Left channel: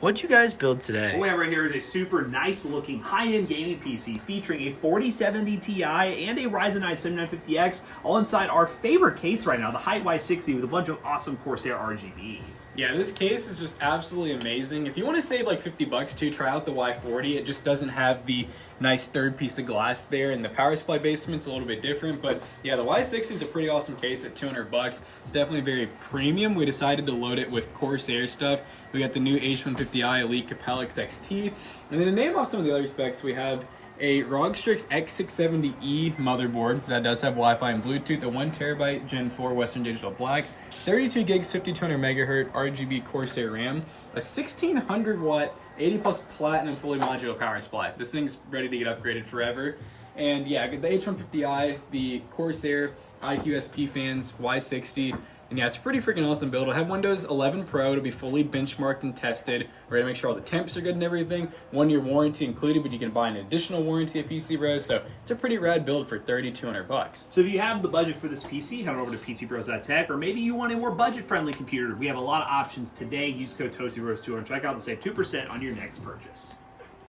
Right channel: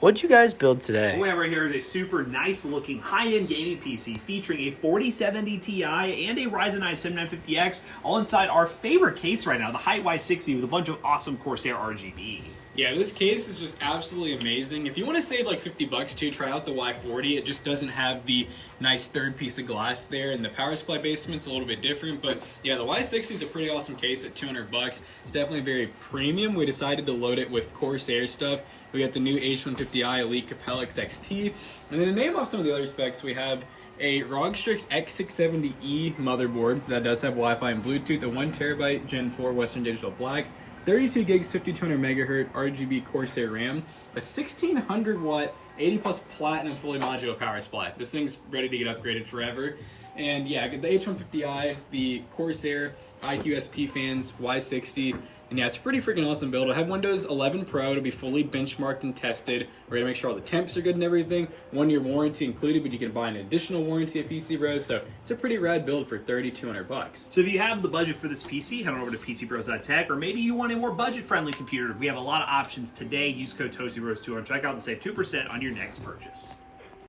What'd you guys build today? What we have right here is a super nice looking high-end gaming PC featuring a 4070 Ti and a Ryzen 9 7950X, all inside our favorite case right now, the Height Y60 with a bunch of awesome Corsair RGB. Yeah, this case is just absolutely amazing. If you want to save like 50 bucks too, try out the Y40. It just doesn't have the nice third piece of glass there, and the power supply basement's a little bit different. But yeah, the Y60 is a pretty awesome case at 200 bucks. It's definitely very premium. We decided to load it with Corsair stuff. We got the new H150i Elite Capella XT. And then to name off some of the other specs, we have a ROG Strix X670E motherboard that does have Wi-Fi and Bluetooth, a 1TB Gen 4 Western Digital Black, 32 gigs 5200 megahertz RGB Corsair RAM, a 1600 watt 80 plus platinum fully modular power supply. This thing's ready to get upgraded forever. And yeah, the H150i, the Corsair IQSP fans, Y60, and yeah, it's a pretty freaking awesome build. It'll have Windows 11 Pro to be fully benchmarked and tested. We're gonna make sure all the temps are good and everything. 1-year warranty included, but you can buy an additional warranty if PC Bros. So it's a pretty rad build for 3,200 bucks. So if you have the budget for this PC, head on over to PCBros.tech, or maybe you want a more budget-friendly computer. We have a lot of options today. Use code TOASTYBROS2 on checkout to save 2% on your next purchase.